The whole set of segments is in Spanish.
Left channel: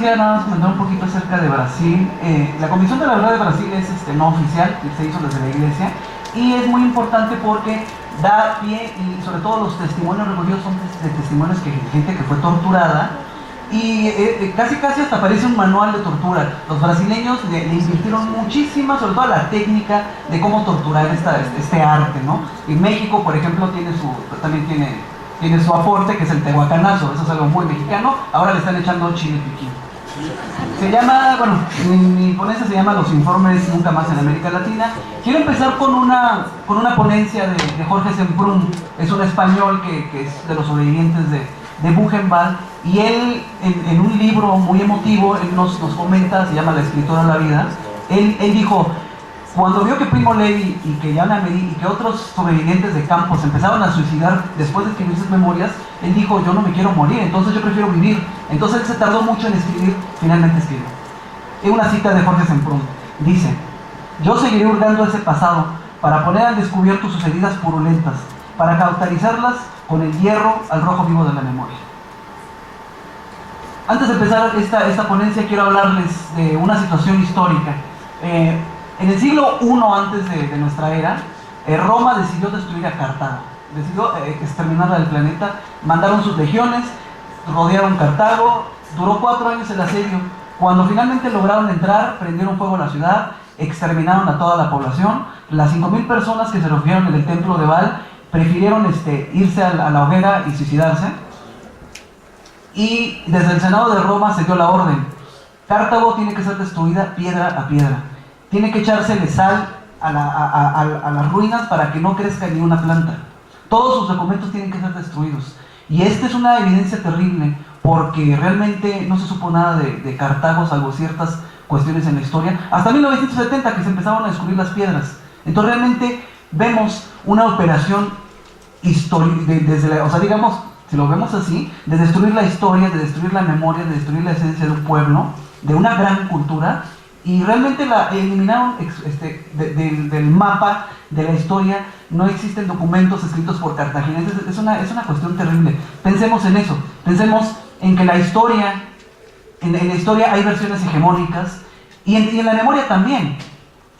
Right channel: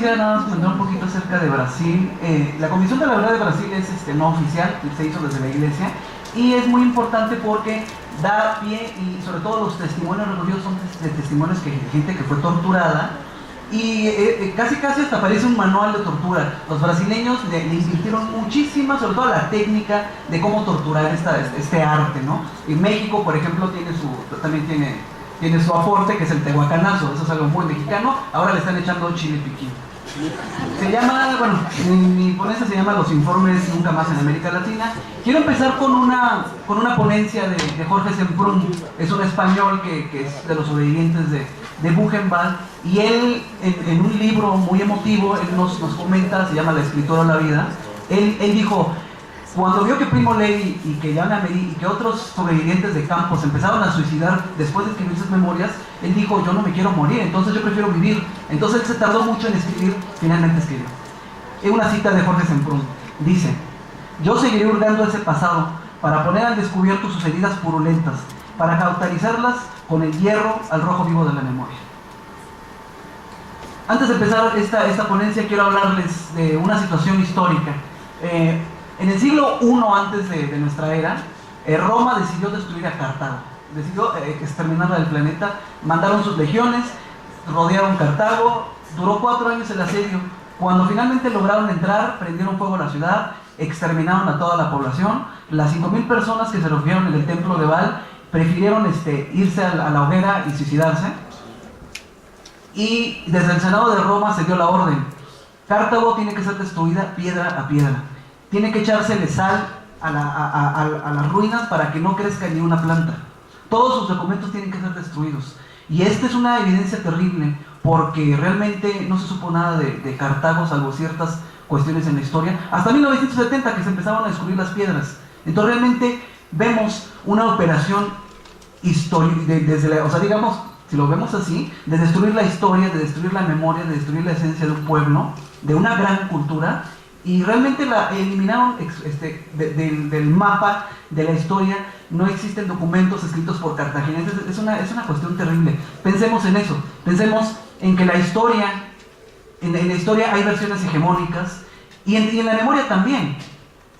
quisiera nada más comentar un poquito acerca de Brasil. La Comisión de la Verdad de Brasil es no oficial, se hizo desde la iglesia, y es muy importante porque da pie, y sobre todo los testimonios recogidos son de testimonios de gente que fue torturada, y casi hasta aparece un manual de tortura. Los brasileños le invirtieron muchísimo, sobre todo la técnica de cómo torturar este arte, ¿no? Y México, por ejemplo, también tiene su aporte, que es el tehuacanazo. Eso es algo muy mexicano. Ahora le están echando chile piquín. Se llama, bueno, mi ponencia se llama Los informes nunca más en América Latina. Quiero empezar con una ponencia de Jorge Semprún. Es un español que es de los sobrevivientes de Buchenwald, y él en un libro muy emotivo, él nos comenta, se llama La escritora de la vida. Él dijo, cuando vio que Primo Levi y que Jan Ameri y que otros sobrevivientes de campos empezaban a suicidar después de escribir sus memorias, él dijo, yo no me quiero morir, entonces yo prefiero vivir. Entonces él se tardó mucho en escribir, finalmente escribió. Una cita de Jorge Semprún, dice, yo seguiré hurgando ese pasado para poner al descubierto sus heridas purulentas, para cauterizarlas con el hierro al rojo vivo de la memoria. Antes de empezar esta ponencia, quiero hablarles de una situación histórica. En el siglo I antes de nuestra era, Roma decidió destruir a Cartago, decidió exterminarla del planeta. Mandaron sus legiones, rodearon Cartago, duró 4 años el asedio. Cuando finalmente lograron entrar, prendieron fuego a la ciudad, exterminaron a toda la población. Las 5,000 personas que se refugiaron en el templo de Baal prefirieron irse a la hoguera y suicidarse. Y desde el Senado de Roma se dio la orden: Cartago tiene que ser destruida piedra a piedra, tiene que echársele sal a las ruinas para que no crezca ni una planta. Todos sus documentos tienen que ser destruidos. Y esta es una evidencia terrible, porque realmente no se supo nada de Cartago, salvo ciertas cuestiones en la historia, hasta 1970, que se empezaron a descubrir las piedras. Entonces realmente vemos una operación histórica, o sea, digamos, si lo vemos así, de destruir la historia, de destruir la memoria, de destruir la esencia de un pueblo, de una gran cultura, y realmente la eliminaron del mapa de la historia. No existen documentos escritos por cartagineses. Es una cuestión terrible. Pensemos en eso, pensemos en que la historia, en la historia hay versiones hegemónicas, y en la memoria también.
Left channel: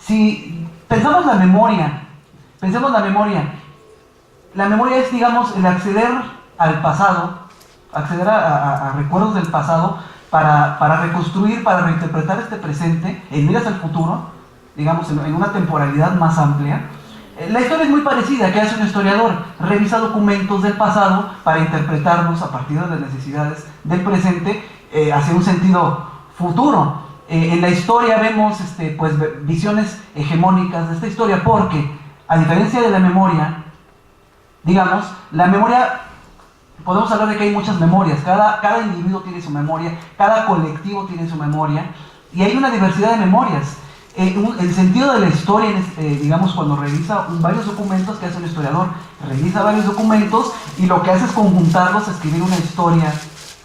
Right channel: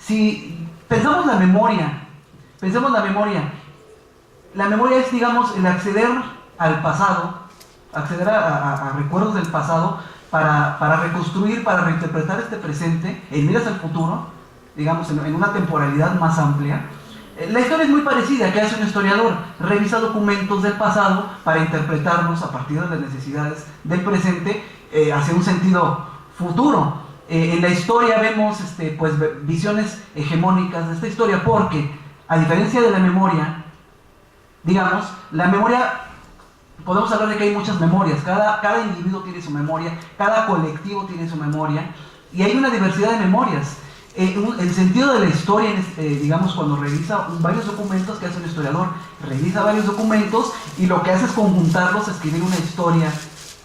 Si pensamos la memoria, la memoria es, digamos, el acceder al pasado, acceder a recuerdos del pasado, para reconstruir, para reinterpretar este presente en miras al futuro, digamos, en una temporalidad más amplia. La historia es muy parecida. ¿Qué hace un historiador? Revisa documentos del pasado para interpretarlos a partir de las necesidades del presente hacia un sentido futuro. En la historia vemos pues, visiones hegemónicas de esta historia, porque a diferencia de la memoria, digamos, la memoria, podemos hablar de que hay muchas memorias. Cada individuo tiene su memoria, cada colectivo tiene su memoria, y hay una diversidad de memorias. El sentido de la historia, digamos, cuando revisa varios documentos, que hace un historiador, revisa varios documentos y lo que hace es conjuntarlos a escribir una historia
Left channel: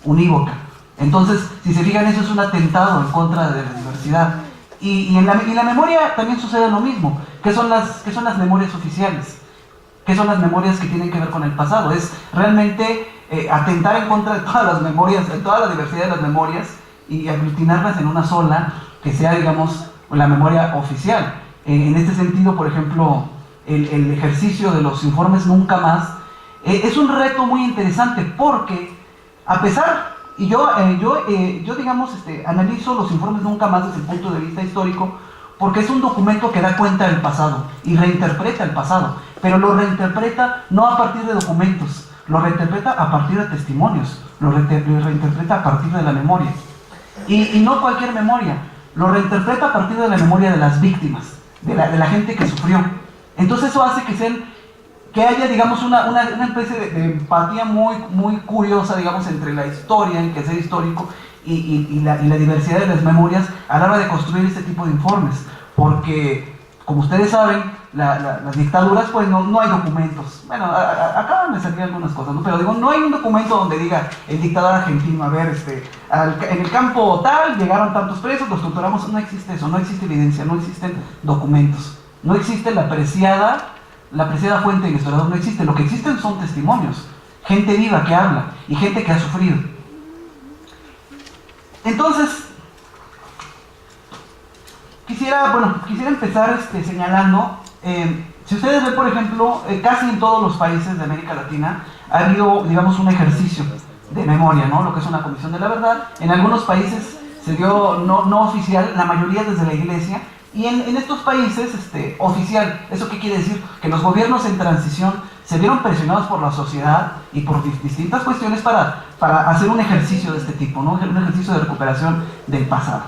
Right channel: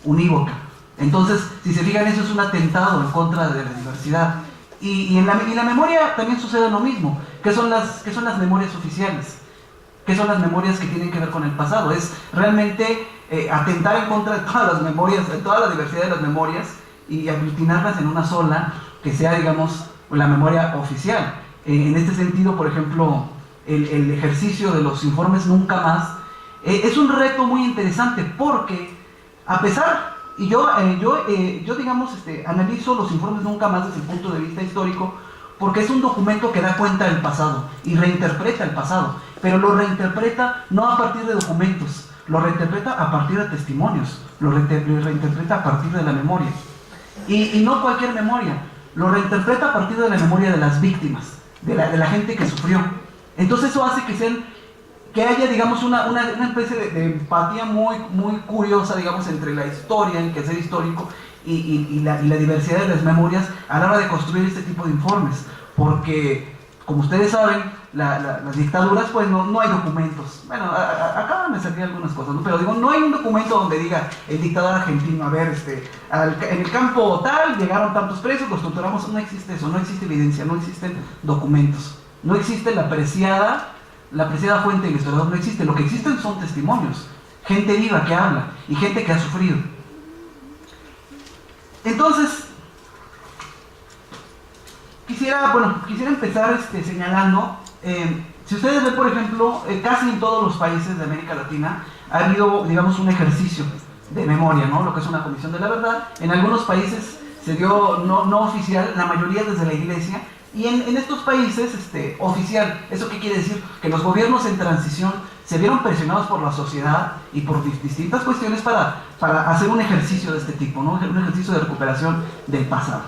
unívoca. Entonces, si se fijan, eso es un atentado en contra de la diversidad. Y en la memoria también sucede lo mismo. ¿Qué son las memorias oficiales? ¿Qué son las memorias que tienen que ver con el pasado? Es realmente atentar en contra de todas las memorias, de toda la diversidad de las memorias, y aglutinarlas en una sola, que sea, digamos, la memoria oficial. En este sentido, por ejemplo, el ejercicio de los informes nunca más es un reto muy interesante, porque a pesar, y yo digamos, analizo los informes nunca más desde el punto de vista histórico, porque es un documento que da cuenta del pasado y reinterpreta el pasado, pero lo reinterpreta no a partir de documentos, lo reinterpreta a partir de testimonios, lo reinterpreta a partir de la memoria, y no cualquier memoria, lo reinterpreta a partir de la memoria de las víctimas, de la gente que sufrió. Entonces eso hace que haya, digamos, una especie de empatía muy curiosa, digamos, entre la historia, el quehacer histórico, y la diversidad de las memorias a la hora de construir este tipo de informes. Porque, como ustedes saben, las dictaduras, pues no hay documentos. Bueno, acá me salían algunas cosas, ¿no? Pero digo, no hay un documento donde diga el dictador argentino, a ver, en el campo tal llegaron tantos presos, los torturamos. No existe eso, no existe evidencia, no existen documentos, no existe la apreciada fuente del historiador, no existe. Lo que existen son testimonios, gente viva que habla y gente que ha sufrido. Entonces, quisiera empezar señalando, si ustedes ven, por ejemplo, casi en todos los países de América Latina ha habido, digamos, un ejercicio de memoria, ¿no? Lo que es una comisión de la verdad. En algunos países se dio no oficial, la mayoría desde la iglesia, y en estos países oficial. ¿Eso qué quiere decir? Que los gobiernos en transición se vieron presionados por la sociedad y por distintas cuestiones para hacer un ejercicio de este tipo, ¿no? Un ejercicio de recuperación del pasado.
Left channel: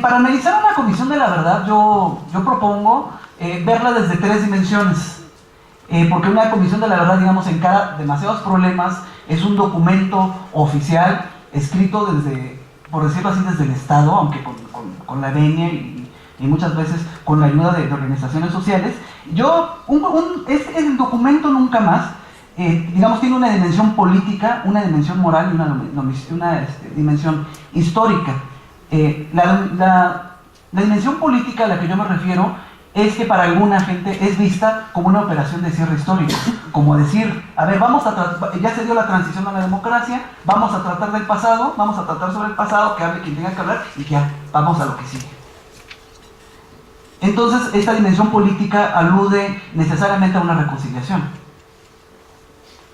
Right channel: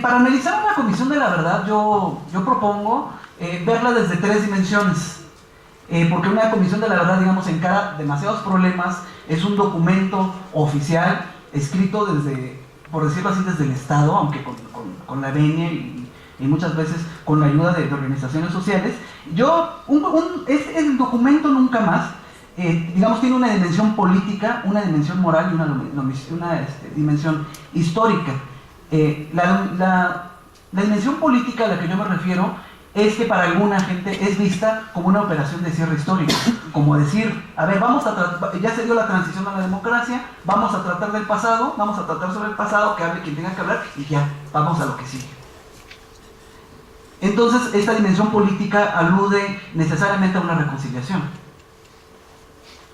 Para analizar una comisión de la verdad, yo propongo verla desde 3 dimensiones. Porque una comisión de la verdad, digamos, encara demasiados problemas, es un documento oficial, escrito desde, por decirlo así, desde el Estado, aunque con la venia y muchas veces con la ayuda de organizaciones sociales. El documento nunca más, digamos, tiene una dimensión política, una dimensión moral y una dimensión histórica. La dimensión política a la que yo me refiero es que para alguna gente es vista como una operación de cierre histórico, como decir, a ver, ya se dio la transición a la democracia, vamos a tratar del pasado, vamos a tratar sobre el pasado, que hable quien tenga que hablar, y ya, vamos a lo que sigue. Entonces, esta dimensión política alude necesariamente a una reconciliación.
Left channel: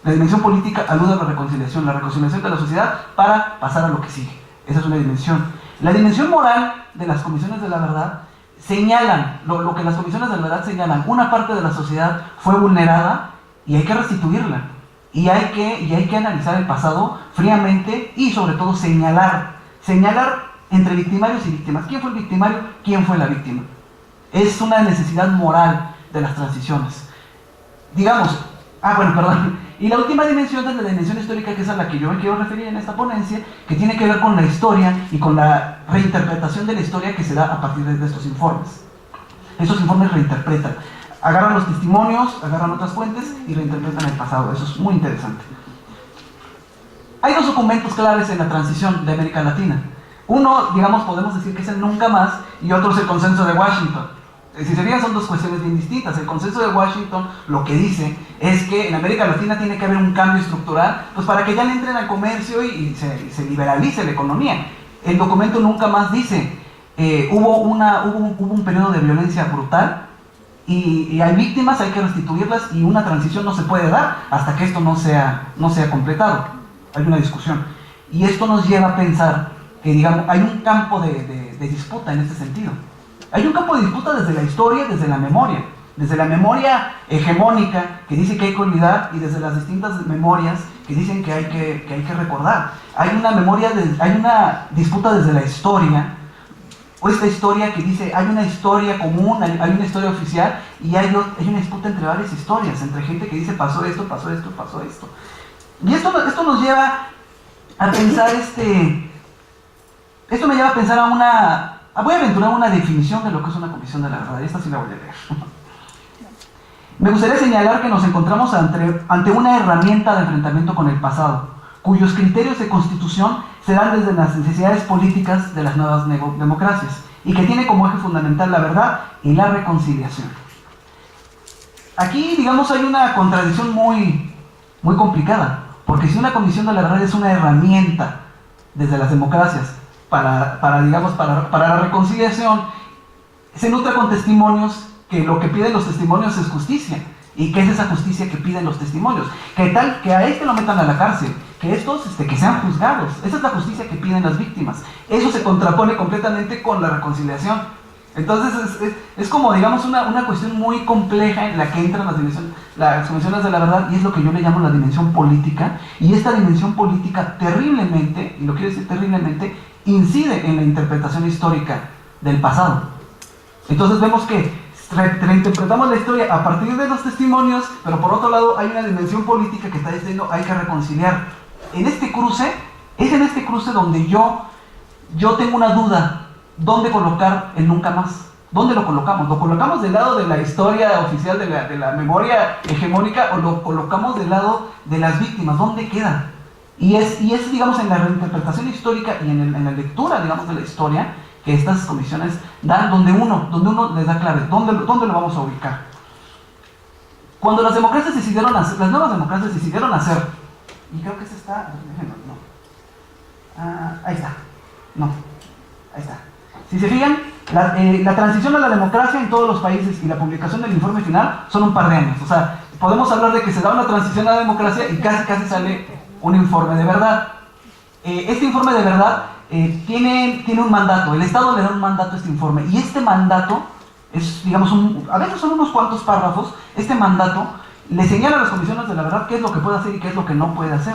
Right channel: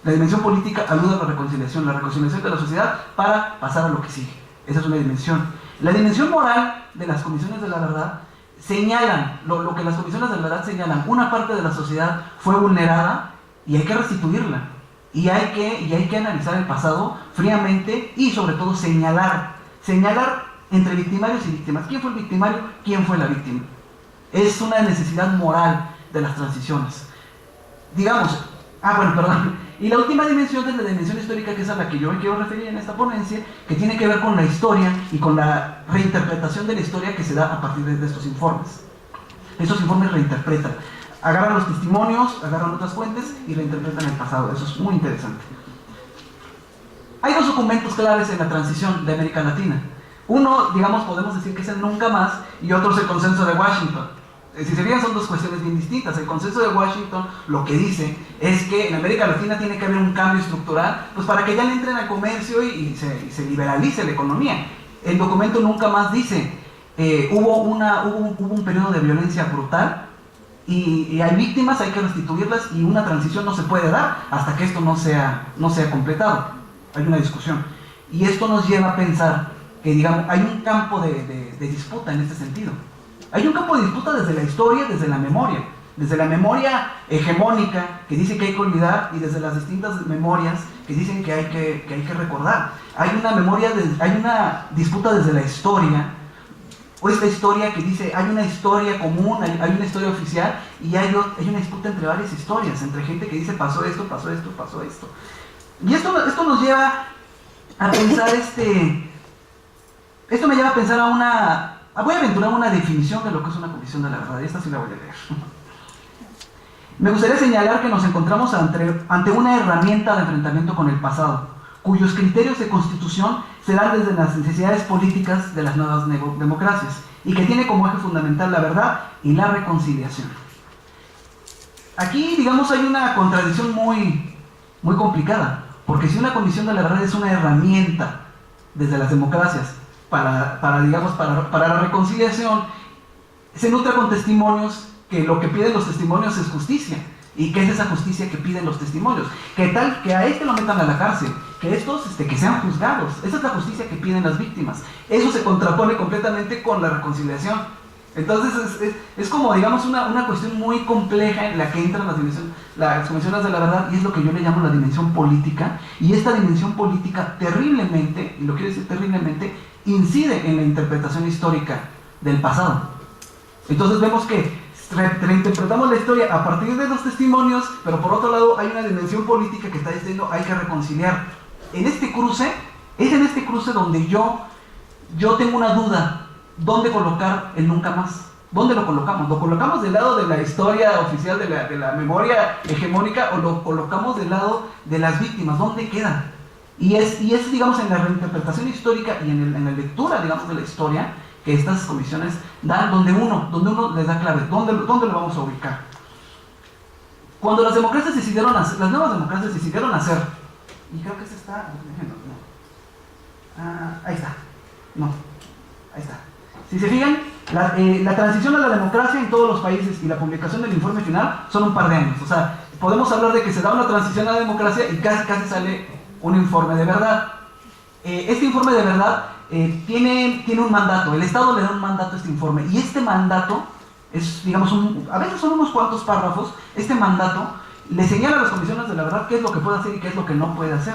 La dimensión política alude a la reconciliación de la sociedad para pasar a lo que sigue. Esa es una dimensión. La dimensión moral de las comisiones de la verdad señalan, lo que las comisiones de la verdad señalan, una parte de la sociedad fue vulnerada y hay que restituirla. Y hay que analizar el pasado fríamente y sobre todo señalar entre victimarios y víctimas. ¿Quién fue el victimario? ¿Quién fue la víctima? Es una necesidad moral de las transiciones. Digamos, y la última dimensión es la dimensión histórica, que es a la que yo me quiero referir en esta ponencia, que tiene que ver con la historia y con la reinterpretación de la historia que se da a partir de estos informes. Estos informes reinterpretan, agarran los testimonios, agarran otras fuentes y reinterpretan el pasado. Eso es muy interesante. Hay 2 documentos claves en la transición de América Latina. Uno, digamos, podemos decir que es el Nunca Más, y otro es el Consenso de Washington. Si se fijan, son 2 cuestiones bien distintas. El Consenso de Washington lo que dice es que en América Latina tiene que haber un cambio estructural, pues para que ya le entren al comercio y se liberalice la economía. El documento Nunca Más dice, hubo un periodo de violencia brutal y hay víctimas, hay que restituirlas, y una transición no se puede dar hasta que esto no sea completado. Hay una discusión. Y esto nos lleva a pensar que, digamos, hay un campo de disputa en este sentido. Hay un campo de disputa desde la historia, desde la memoria hegemónica, que dice que hay que olvidar, y desde las distintas memorias que dicen que hay que recordar. Hay una disputa desde la historia, o esta historia que dice, hay una historia común, hay una historia oficial, y hay una disputa entre varias historias, entre gente que dice pasó esto, pasó esto, pasó esto. Y esto nos lleva a pensar esto me lleva a pensar voy a aventurar una definición de lo que es una comisión de la verdad, y esta sí la voy a leer. Me gustaría señalar que nos encontramos ante una herramienta de enfrentamiento con el pasado, cuyos criterios de constitución se dan desde las necesidades políticas de las nuevas democracias, y que tiene como eje fundamental la verdad y la reconciliación. Aquí, digamos, hay una contradicción muy complicada, porque si una comisión de la verdad es una herramienta desde las democracias para la reconciliación, se nutre con testimonios, que lo que piden los testimonios es justicia. ¿Y qué es esa justicia que piden los testimonios? Que a lo metan a la cárcel, que estos que sean juzgados. Esa es la justicia que piden las víctimas. Eso se contrapone completamente con la reconciliación. Entonces es como, digamos, una cuestión muy compleja en la que entran las comisiones de la verdad, y es lo que yo le llamo la dimensión política. Y esta dimensión política terriblemente, y lo quiero decir terriblemente, incide en la interpretación histórica del pasado. Entonces vemos que reinterpretamos la historia a partir de los testimonios, pero por otro lado hay una dimensión política que está diciendo hay que reconciliar. Es en este cruce donde yo tengo una duda: ¿dónde colocar el Nunca Más? ¿Dónde lo colocamos? ¿Lo colocamos del lado de la historia oficial, de la memoria hegemónica, o lo colocamos del lado de las víctimas? ¿Dónde queda? Y es, digamos, en la reinterpretación histórica y en la lectura, digamos, de la historia, que estas comisiones dan, donde uno les da clave, ¿dónde lo vamos a ubicar? Cuando las nuevas democracias decidieron hacer y creo que este está, ahí está, no, ahí está. Si se fijan, la transición a la democracia en todos los países y la publicación del informe final son un par de años. O sea, podemos hablar de que se da una transición a la democracia y casi sale un informe de verdad. Este informe de verdad tiene un mandato, el Estado le da un mandato a este informe, y este mandato es, digamos, a veces son unos cuantos párrafos. Este mandato le señala a las comisiones de la verdad qué es lo que puede hacer y qué es lo que no puede hacer.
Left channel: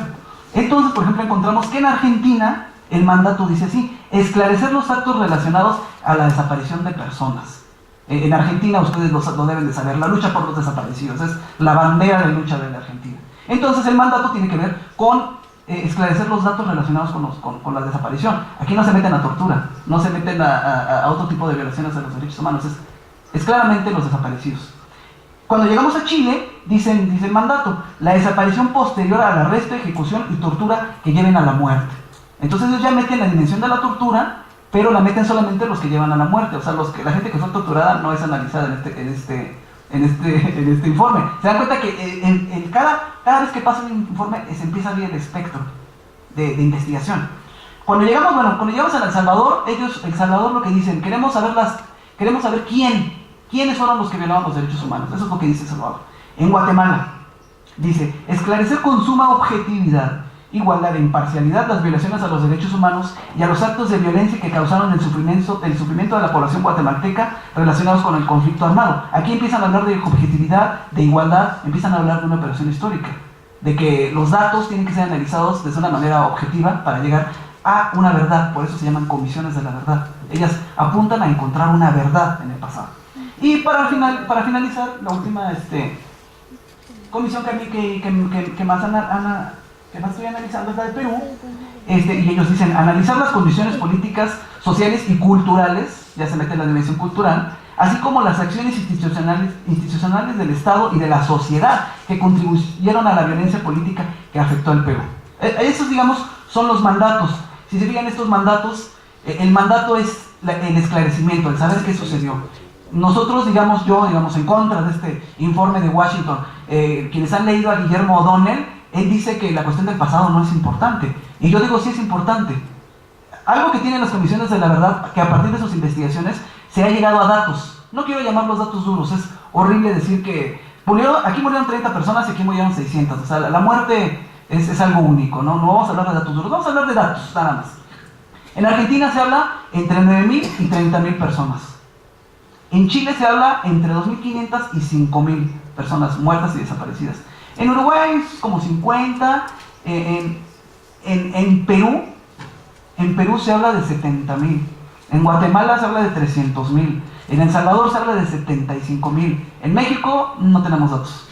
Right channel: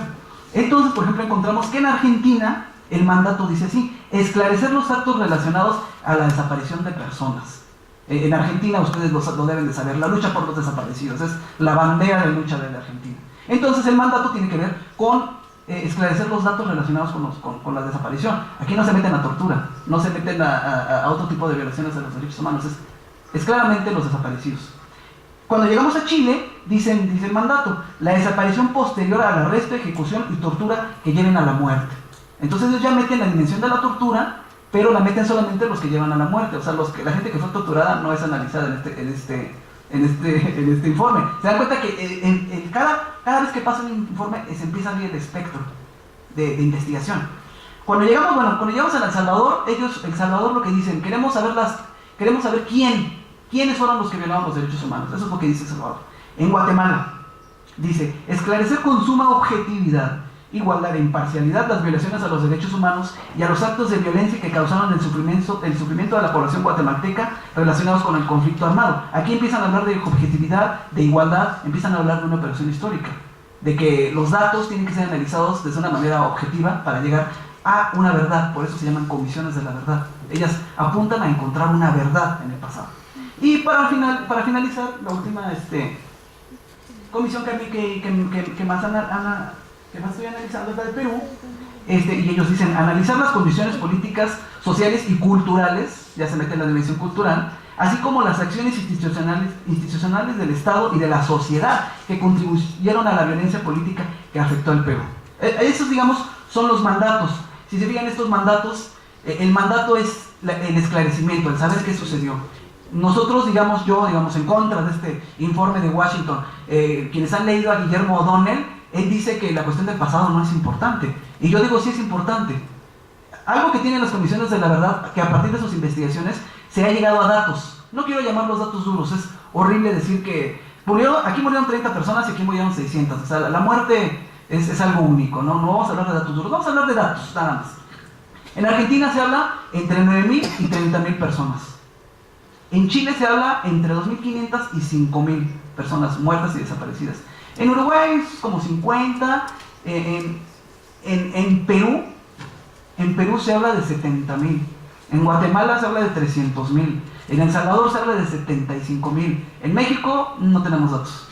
Entonces, por ejemplo, encontramos que en Argentina el mandato dice así: esclarecer los actos relacionados a la desaparición de personas. En Argentina, ustedes lo deben de saber, la lucha por los desaparecidos es la bandera de lucha de la Argentina. Entonces el mandato tiene que ver con esclarecer los datos relacionados con la desaparición. Aquí no se meten a tortura, no se meten a otro tipo de violaciones de los derechos humanos, es claramente los desaparecidos. Cuando llegamos a Chile, dice el mandato: la desaparición posterior al arresto, ejecución y tortura que lleven a la muerte. Entonces ellos ya meten la dimensión de la tortura, pero la meten solamente los que llevan a la muerte. O sea, la gente que fue torturada no es analizada en este informe. Se dan cuenta que cada vez que pasa un informe se empieza a abrir el espectro de investigación. Cuando llegamos a El Salvador, El Salvador lo que dicen: queremos saber quiénes fueron los que violaban los derechos humanos. Eso es lo que dice El Salvador. En Guatemala dice: esclarecer con suma objetividad, igualdad e imparcialidad las violaciones a los derechos humanos y a los actos de violencia que causaron el sufrimiento de la población guatemalteca relacionados con el conflicto armado. Aquí empiezan a hablar de objetividad, de igualdad, empiezan a hablar de una operación histórica, de que los datos tienen que ser analizados de una manera objetiva para llegar a una verdad. Por eso se llaman comisiones de la verdad. Ellas apuntan a encontrar una verdad en el pasado. Y para finalizar, la última comisión que más estoy analizando es la de Perú, y ellos dicen: analizar las condiciones políticas, sociales y culturales, ya se mete en la dimensión cultural, así como las acciones institucionales del Estado y de la sociedad que contribuyeron a la violencia política que afectó al Perú. Esos, digamos, son los mandatos. Si se fijan estos mandatos, el mandato es el esclarecimiento, el saber qué sucedió. Nosotros, digamos, en contra de este informe de Washington, quienes han leído a Guillermo O'Donnell, él dice que la cuestión del pasado no es importante. Y yo digo, sí es importante. Algo que tienen las comisiones de la verdad, que a partir de sus investigaciones se ha llegado a datos. No quiero llamarlos datos duros, es horrible decir que aquí murieron 30 personas y aquí murieron 600. O sea, la muerte es algo único, ¿no? No vamos a hablar de datos duros, vamos a hablar de datos, nada más. En Argentina se habla entre 9.000 y 30.000 personas. En Chile se habla entre 2.500 y 5.000 personas muertas y desaparecidas. En Uruguay es como 50. En Perú se habla de 70.000. En Guatemala se habla de 300.000. En El Salvador se habla de 75.000. En México no tenemos datos.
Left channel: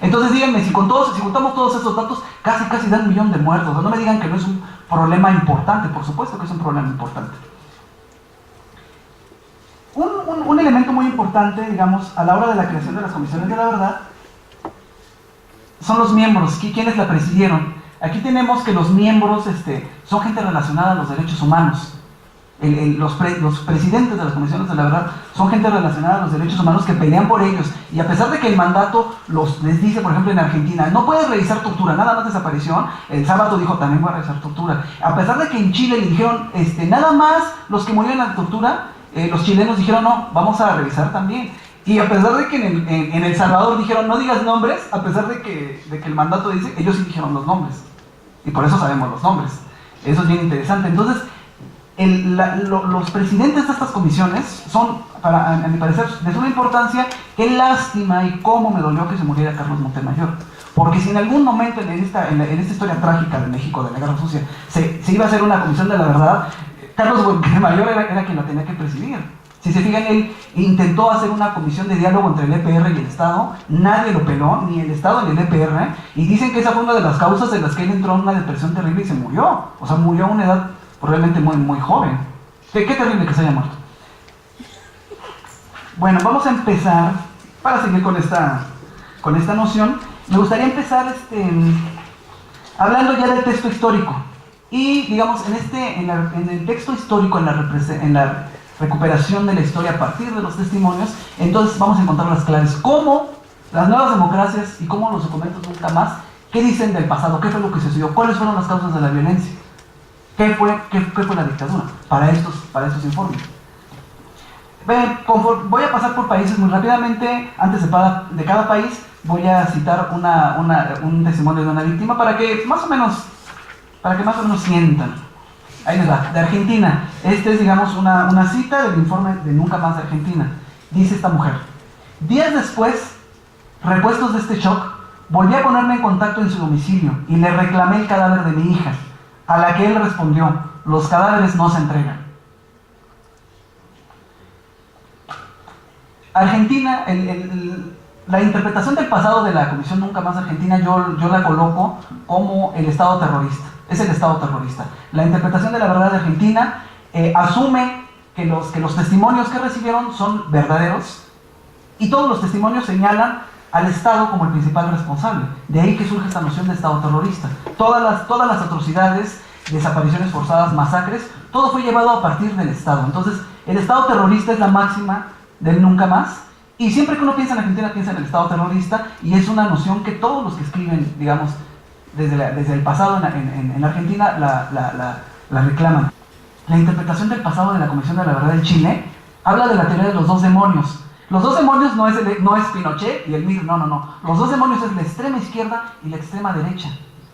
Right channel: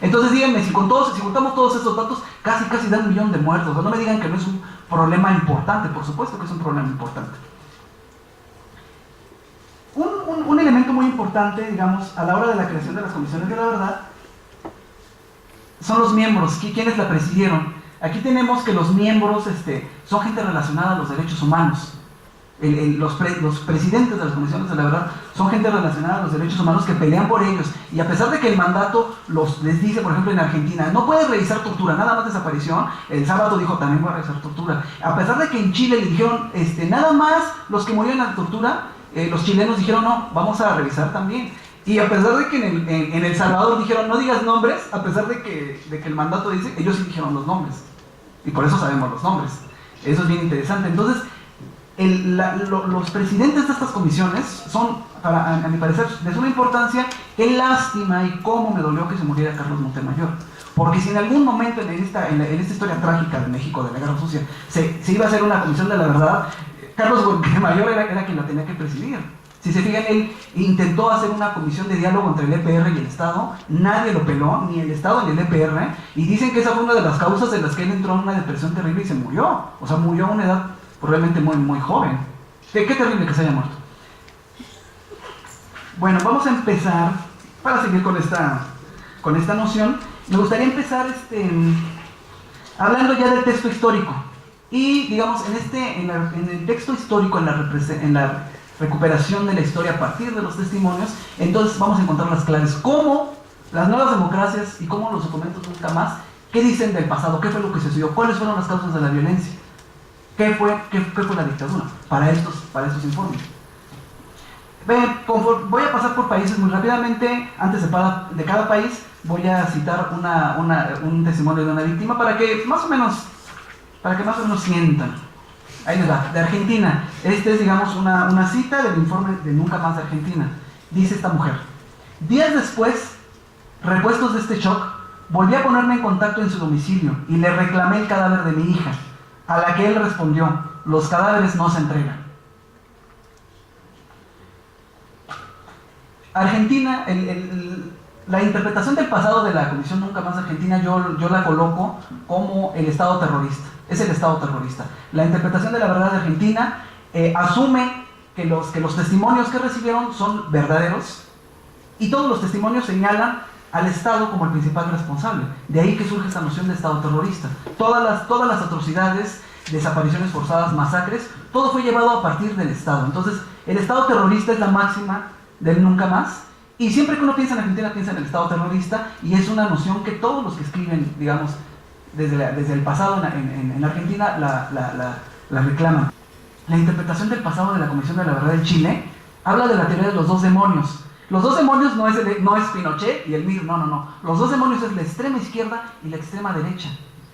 Entonces díganme, si juntamos todos esos datos, casi dan 1 millón de muertos. O sea, no me digan que no es un problema importante. Por supuesto que es un problema importante. Un elemento muy importante, digamos, a la hora de la creación de las comisiones de la verdad son los miembros, quienes la presidieron. Aquí tenemos que los miembros son gente relacionada a los derechos humanos. Los presidentes de las comisiones de la verdad son gente relacionada a los derechos humanos que pelean por ellos. Y a pesar de que el mandato les dice, por ejemplo, en Argentina, no puedes revisar tortura, nada más desaparición, el sábado dijo, también voy a revisar tortura. A pesar de que en Chile le dijeron, nada más los que murieron en la tortura, los chilenos dijeron, no, vamos a revisar también. Y a pesar de que en El Salvador dijeron, no digas nombres, a pesar de que el mandato dice, ellos sí dijeron los nombres. Y por eso sabemos los nombres. Eso es bien interesante. Entonces, los presidentes de estas comisiones son, a mi parecer, de suma importancia. Qué lástima y cómo me dolió que se muriera Carlos Montemayor. Porque si en algún momento en esta historia trágica de México, de la Guerra Sucia, se iba a hacer una comisión de la verdad, Carlos Montemayor era quien la tenía que presidir. Si se fijan, él intentó hacer una comisión de diálogo entre el EPR y el Estado, nadie lo peló, ni el Estado ni el EPR, y dicen que esa fue una de las causas en las que él entró en una depresión terrible y se murió. O sea, murió a una edad probablemente muy, muy joven. Qué terrible que se haya muerto. Bueno, vamos a empezar, para seguir con esta noción, me gustaría empezar hablando ya del texto histórico. Y, digamos, en el texto histórico, en la recuperación de la historia a partir de los testimonios, entonces vamos a encontrar las claves. Cómo las nuevas democracias y cómo los documentos nunca más, ¿Qué dicen del pasado? ¿Qué fue lo que sucedió? ¿Cuáles fueron las causas de la violencia? ¿Qué fue la dictadura? Para estos informes. Voy a pasar por países muy rápidamente. Antes de cada país voy a citar un testimonio de una víctima para que más o menos sientan. Ahí les va, de Argentina. Este es, digamos, una cita del informe de Nunca Más de Argentina. Dice esta mujer: días después, repuestos de este shock, volví a ponerme en contacto en su domicilio y le reclamé el cadáver de mi hija, a la que él respondió: los cadáveres no se entregan. Argentina, la interpretación del pasado de la Comisión Nunca Más de Argentina, yo la coloco como el Estado terrorista. Es el Estado terrorista. La interpretación de la verdad de Argentina asume que los testimonios que recibieron son verdaderos, y todos los testimonios señalan al Estado como el principal responsable. De ahí que surge esta noción de Estado terrorista. Todas las atrocidades, desapariciones forzadas, masacres, todo fue llevado a partir del Estado. Entonces, el Estado terrorista es la máxima del Nunca Más, y siempre que uno piensa en Argentina, piensa en el Estado terrorista, y es una noción que todos los que escriben, digamos, desde el pasado en Argentina la reclaman. La interpretación del pasado de la Comisión de la Verdad en Chile habla de la teoría de los dos demonios. Los dos demonios no es Pinochet y el MIR, no. Los dos demonios es la extrema izquierda y la extrema derecha,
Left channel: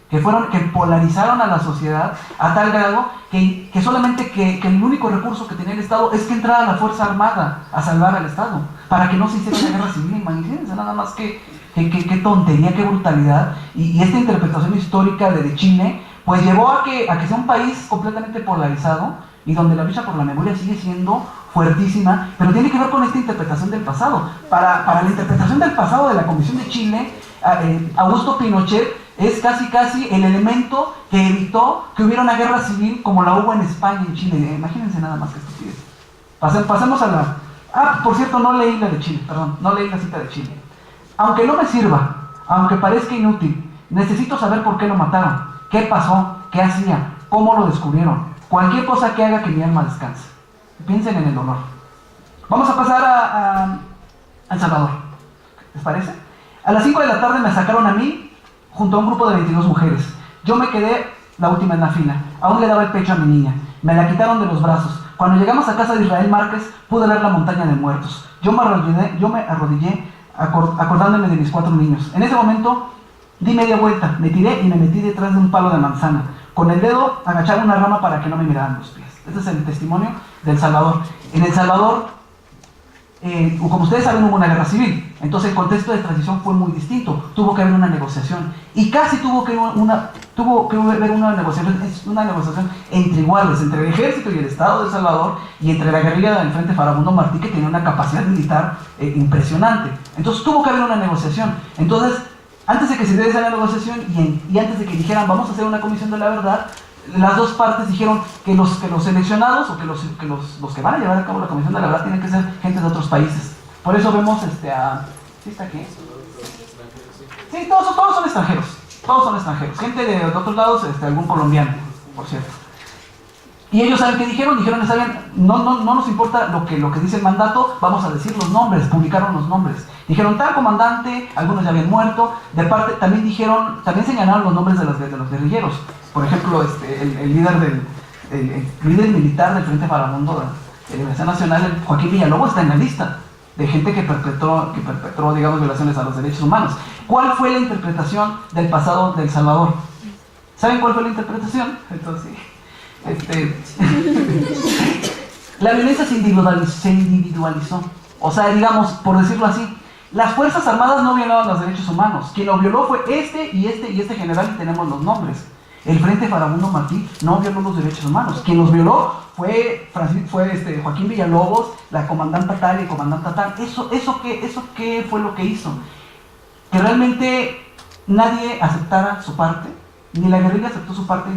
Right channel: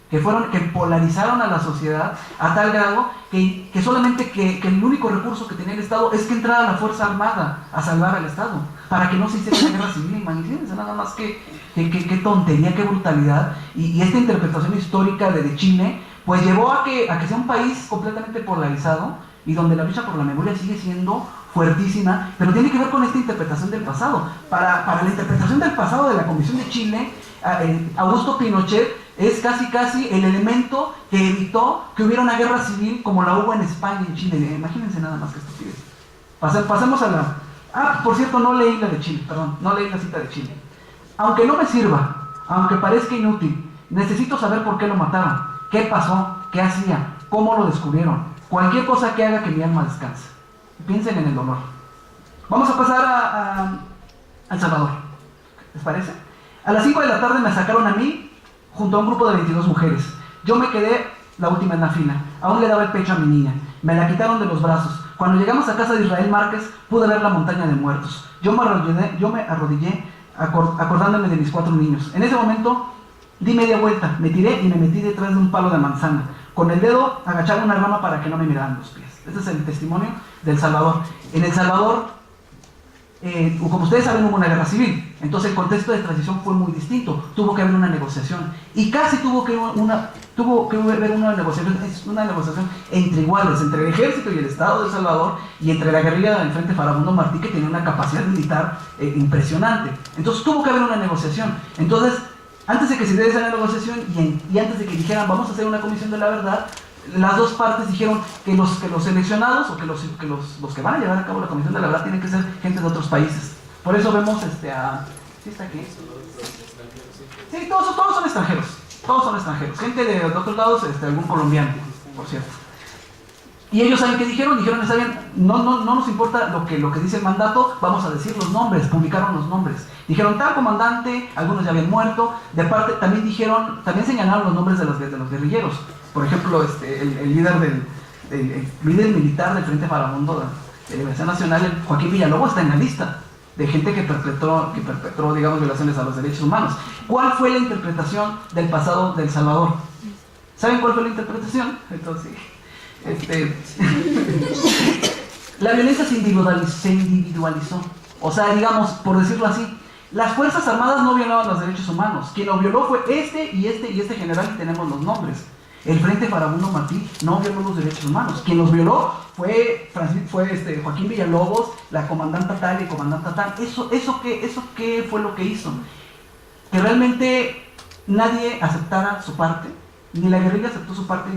que polarizaron a la sociedad a tal grado que solamente que el único recurso que tenía el Estado es que entrara la Fuerza Armada a salvar al Estado, para que no se hiciera una guerra civil. Imagínense nada más qué tontería, qué brutalidad. Y esta interpretación histórica de Chile pues llevó a que sea un país completamente polarizado, y donde la lucha por la memoria sigue siendo fuertísima, pero tiene que ver con esta interpretación del pasado. Para la interpretación del pasado de la Comisión de Chile, Augusto Pinochet es casi el elemento que evitó que hubiera una guerra civil como la hubo en España y en Chile. Imagínense nada más que estupidez. Pasemos a la... por cierto, no leí la de Chile, perdón, no leí la cita de Chile. Aunque no me sirva, aunque parezca inútil, necesito saber por qué lo mataron, qué pasó, qué hacía, cómo lo descubrieron, cualquier cosa que haga que mi alma descanse. Piensen en el dolor. Vamos a pasar a El Salvador. ¿Les parece? A las 5 de la tarde me sacaron a mí junto a un grupo de 22 mujeres. Yo me quedé la última en la fila. Aún le daba el pecho a mi niña. Me la quitaron de los brazos. Cuando llegamos a casa de Israel Márquez, pude ver la montaña de muertos. Yo me arrodillé acordándome de mis 4 niños. En ese momento di media vuelta, me tiré y me metí detrás de un palo de manzana. Con el dedo agachaba una rama para que no me miraran los pies. Este es el testimonio del Salvador. En El Salvador, como ustedes saben, hubo una guerra civil. Entonces el contexto de transición fue muy distinto. Tuvo que haber una negociación. Y casi tuvo que haber una negociación entre iguales, entre el ejército y el Estado de El Salvador, y entre la guerrilla del Frente Farabundo Martí, que tenía una capacidad militar impresionante. Entonces tuvo que haber una negociación. Entonces, antes de que se diera esa negociación y antes de que dijeran vamos a hacer una comisión de la verdad, las dos partes dijeron que los seleccionados, o que los que van a llevar a cabo la comisión de la verdad, tienen que ser gente de otros países. Por eso vemos ¿sí está aquí? Sí, todos son extranjeros. Todos son extranjeros. Gente de otros lados, algún colombiano, por cierto. Y ellos, ¿saben qué dijeron? Dijeron, está bien, no nos importa lo que dice el mandato, vamos a decir los nombres. Publicaron los nombres. Dijeron, tal comandante, algunos ya habían muerto. De parte, también señalaron los nombres de los guerrilleros. Por ejemplo, el líder militar del Frente Farabundo de Liberación Nacional, el Joaquín Villalobos, está en la lista de gente que perpetró, digamos, violaciones a los derechos humanos. ¿Cuál fue la interpretación del pasado de El Salvador? ¿Saben cuál fue la interpretación? Entonces, la violencia se individualizó. O sea, digamos, por decirlo así, las Fuerzas Armadas no violaban los derechos humanos. Quien lo violó fue este general, y tenemos los nombres. El Frente Farabundo Martí no violó los derechos humanos. Quien los violó fue Joaquín Villalobos, la comandante tal y el comandante tal. ¿Eso qué fue lo que hizo? Que realmente nadie aceptara su parte. Ni la guerrilla aceptó su parte,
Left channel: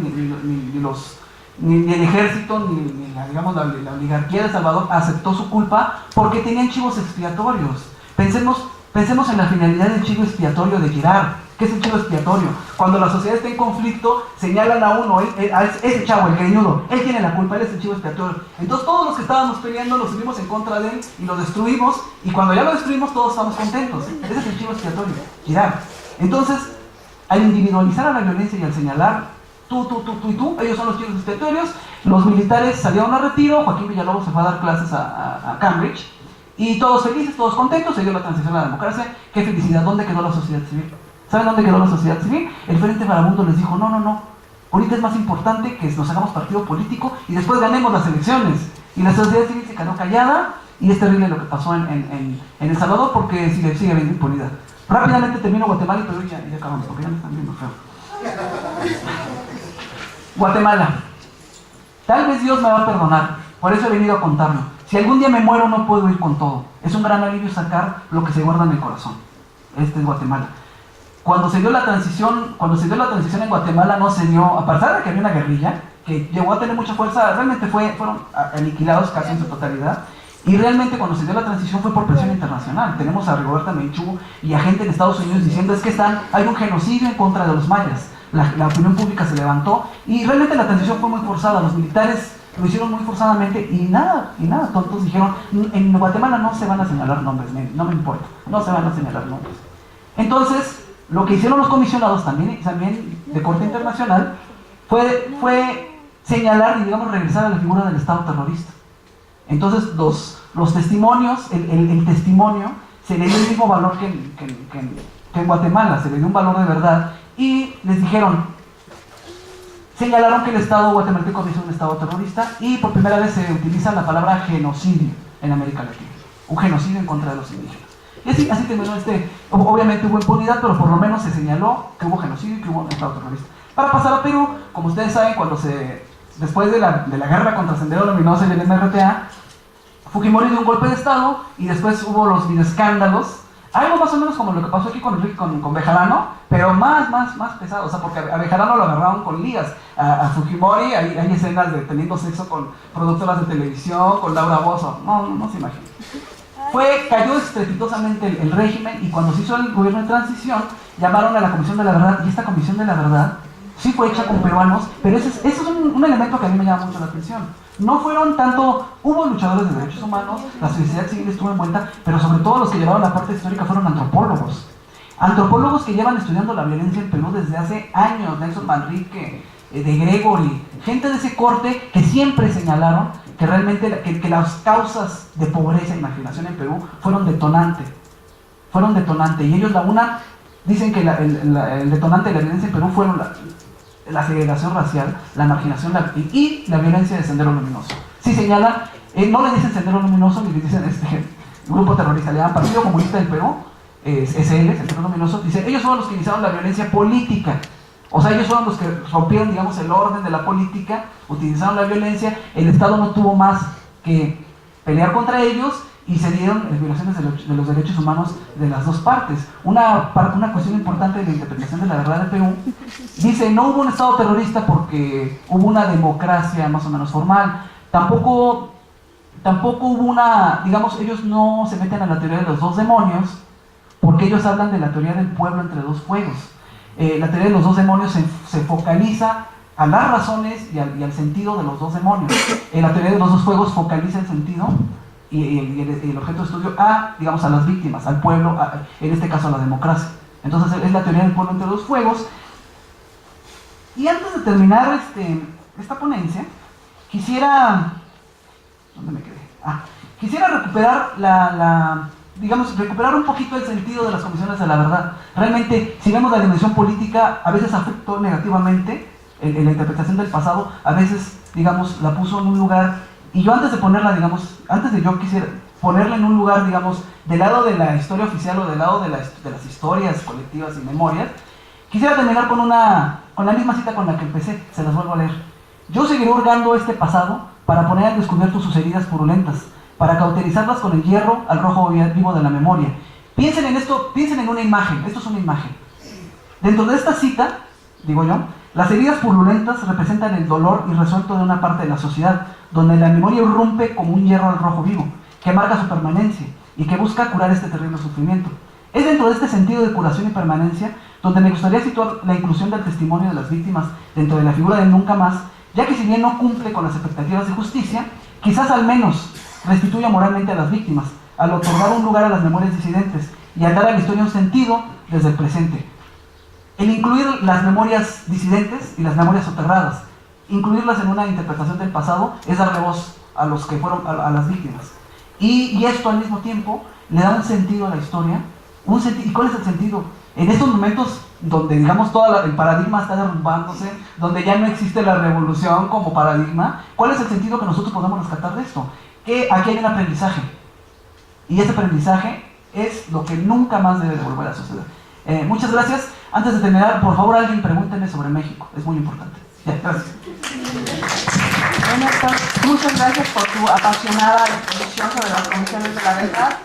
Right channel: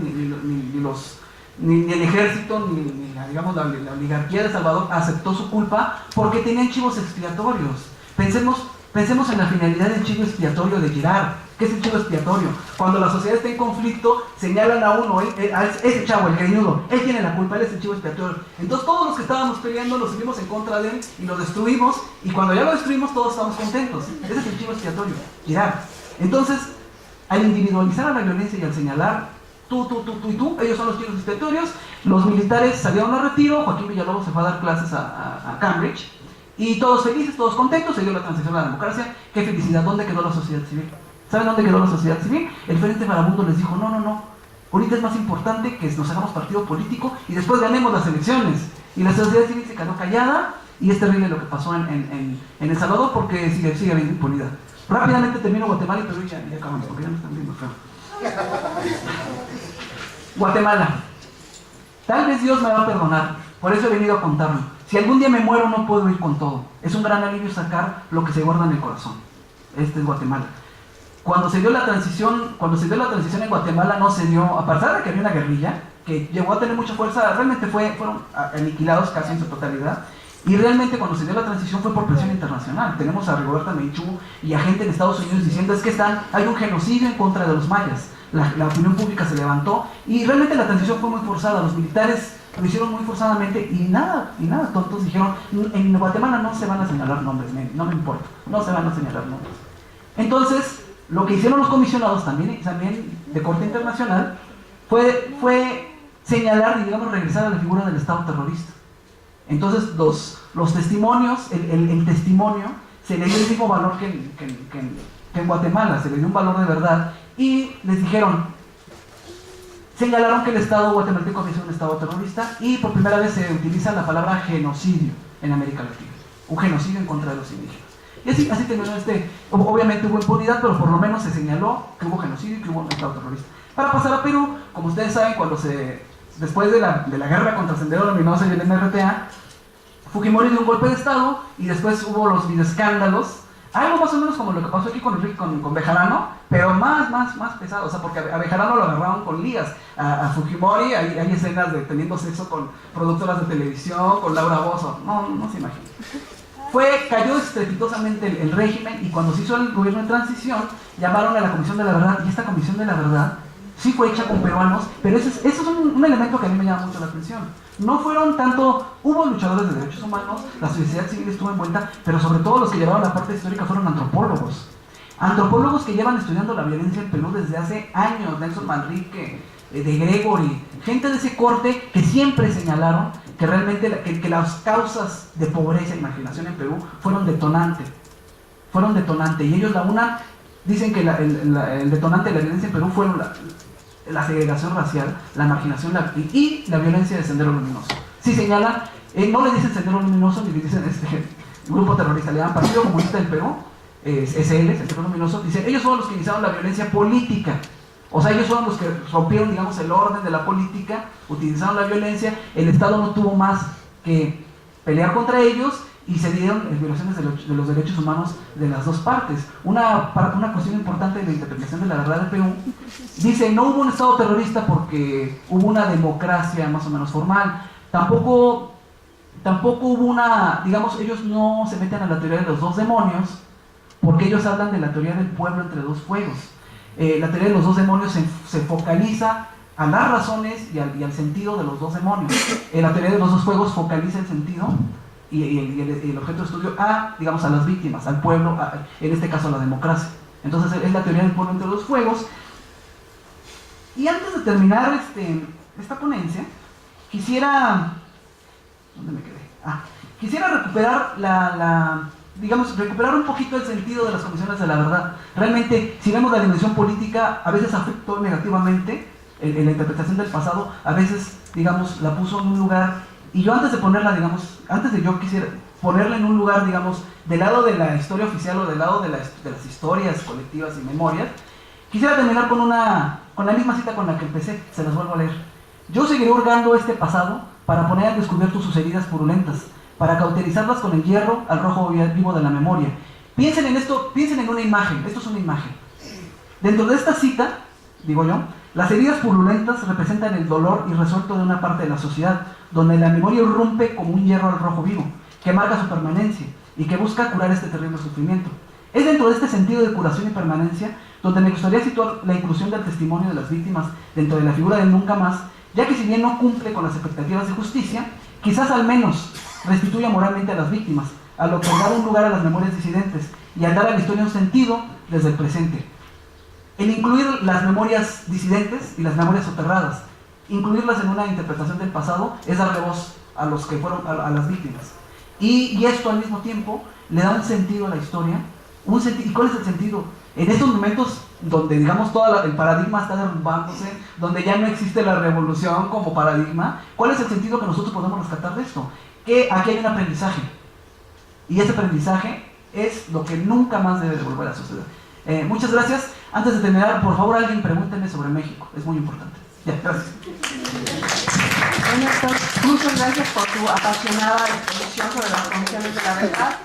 ni el ejército, ni la oligarquía de El Salvador aceptó su culpa, porque tenían chivos expiatorios. Pensemos en la finalidad del chivo expiatorio de Girard. ¿Qué es el chivo expiatorio? Cuando la sociedad está en conflicto, señalan a uno, ese chavo, el greñudo, él tiene la culpa, él es el chivo expiatorio. Entonces todos los que estábamos peleando los subimos en contra de él y lo destruimos, y cuando ya lo destruimos todos estamos contentos. Ese es el chivo expiatorio, Girard. Entonces, Al individualizar a la violencia y al señalar tú y tú, ellos son los chivos expiatorios, los militares salieron a retiro, Joaquín Villalobos se fue a dar clases a Cambridge, y todos felices, todos contentos, se dio la transición a la democracia. ¡Qué felicidad! ¿Dónde quedó la sociedad civil? ¿Saben dónde quedó la sociedad civil? El Frente Farabundo les dijo, no, ahorita es más importante que nos hagamos partido político y después ganemos las elecciones. Y la sociedad civil se quedó callada, y es terrible lo que pasó en El Salvador, porque sigue habiendo impunidad. Rápidamente termino Guatemala y Perú y ya acabamos, porque ya me están viendo feo. Guatemala. Tal vez Dios me va a perdonar, por eso he venido a contarlo. Si algún día me muero, no puedo ir con todo. Es un gran alivio sacar lo que se guarda en el corazón. Este es Guatemala. Cuando se dio la transición en Guatemala, no se dio, a pesar de que había una guerrilla que llegó a tener mucha fuerza, realmente fueron aniquilados casi en su totalidad. Y realmente cuando se dio la transición fue por presión internacional. Tenemos a Rigoberta Menchú y a gente en Estados Unidos diciendo es que hay un genocidio en contra de los mayas. La opinión pública se levantó y realmente la transición fue muy forzada. Los militares lo hicieron muy forzadamente y nada, tontos dijeron, en Guatemala no se van a señalar nombres, no me importa, no se van a señalar nombres. Entonces, lo que hicieron los comisionados también de corte internacional fue señalar y digamos regresar a la figura del Estado terrorista. Entonces los testimonios, el testimonio se le dio el mismo valor que en Guatemala, se le dio un valor de verdad y les señalaron que el Estado guatemalteco había sido un Estado terrorista y por primera vez se utiliza la palabra genocidio en América Latina, un genocidio en contra de los indígenas. Y así terminó obviamente hubo impunidad, pero por lo menos se señaló que hubo genocidio y que hubo un Estado terrorista. Para pasar a Perú, como ustedes saben, después de la guerra contra Sendero Luminoso y el MRTA, Fujimori dio un golpe de Estado y después hubo los videoescándalos, algo más o menos como lo que pasó aquí con Bejarano, pero más pesado, o sea, porque a Bejarano lo agarraron con ligas, a Fujimori hay escenas de teniendo sexo con productoras de televisión, con Laura Bozzo, no se imaginan. Cayó estrepitosamente el régimen y cuando se hizo el gobierno de transición, llamaron a la Comisión de la Verdad y esta Comisión de la Verdad sí fue hecha con peruanos, pero eso es un elemento que a mí me llama mucho la atención. No fueron tanto, hubo luchadores de derechos humanos, la sociedad civil estuvo envuelta, pero sobre todo los que llevaron la parte histórica fueron antropólogos. Antropólogos que llevan estudiando la violencia en Perú desde hace años, Nelson Manrique, de Gregory, gente de ese corte que siempre señalaron que realmente que las causas de pobreza e marginación en Perú fueron detonantes. Y ellos dicen que el detonante de la violencia en Perú fueron la segregación racial, la marginación y la violencia de Sendero Luminoso. Sí señalan, no le dicen Sendero Luminoso ni le dicen grupo terrorista, le dan Partido Comunista del Perú, SL, Sendero Luminoso, dicen, ellos son los que iniciaron la violencia política. O sea, ellos fueron los que rompieron, digamos, el orden de la política, utilizaron la violencia, el Estado no tuvo más que pelear contra ellos y se dieron violaciones de los derechos humanos de las dos partes. Una cuestión importante de la interpretación de la verdad de Perú dice, no hubo un Estado terrorista porque hubo una democracia más o menos formal, tampoco hubo digamos, ellos no se meten a la teoría de los dos demonios porque ellos hablan de la teoría del pueblo entre dos fuegos. La teoría de los dos demonios se focaliza a las razones y al sentido de los dos demonios. La teoría de los dos fuegos focaliza el sentido y el objeto de estudio digamos, a las víctimas, al pueblo, en este caso a la democracia. Entonces es la teoría del pueblo entre dos fuegos. Y antes de terminar esta ponencia, quisiera... ¿Dónde me quedé? Quisiera recuperar recuperar un poquito el sentido de las comisiones de la verdad. Realmente, si vemos la dimensión política, a veces afectó negativamente en la interpretación del pasado, a veces, digamos, la puso en un lugar, y yo antes de yo quisiera ponerla en un lugar, digamos, del lado de la historia oficial o del lado de las historias colectivas y memorias, quisiera terminar con la misma cita con la que empecé, se las vuelvo a leer. Yo seguiré hurgando este pasado para poner al descubierto sus heridas purulentas, para cauterizarlas con el hierro al rojo vivo de la memoria. Piensen en esto, piensen en una imagen, esto es una imagen. Dentro de esta cita, digo yo, las heridas purulentas representan el dolor irresuelto de una parte de la sociedad, donde la memoria irrumpe como un hierro al rojo vivo, que marca su permanencia y que busca curar este terrible sufrimiento. Es dentro de este sentido de curación y permanencia donde me gustaría situar la inclusión del testimonio de las víctimas dentro de la figura del nunca más, ya que si bien no cumple con las expectativas de justicia, quizás al menos restituya moralmente a las víctimas, al otorgar un lugar a las memorias disidentes y al dar a la historia un sentido desde el presente. El incluir las memorias disidentes y las memorias soterradas, incluirlas en una interpretación del pasado, es darle voz a los que fueron, a las víctimas. Y esto al mismo tiempo le da un sentido a la historia. ¿Y cuál es el sentido? En estos momentos donde, digamos, todo el paradigma está derrumbándose, donde ya no existe la revolución como paradigma, ¿cuál es el sentido que nosotros podemos rescatar de esto? Que aquí hay un aprendizaje. Y ese aprendizaje es lo que nunca más debe de volver a suceder. Muchas gracias. Antes de terminar, por favor, alguien pregúnteme sobre México. Es muy importante. Ya, gracias. Bueno, muchas gracias por tu apasionada exposición sobre las condiciones de la verdad.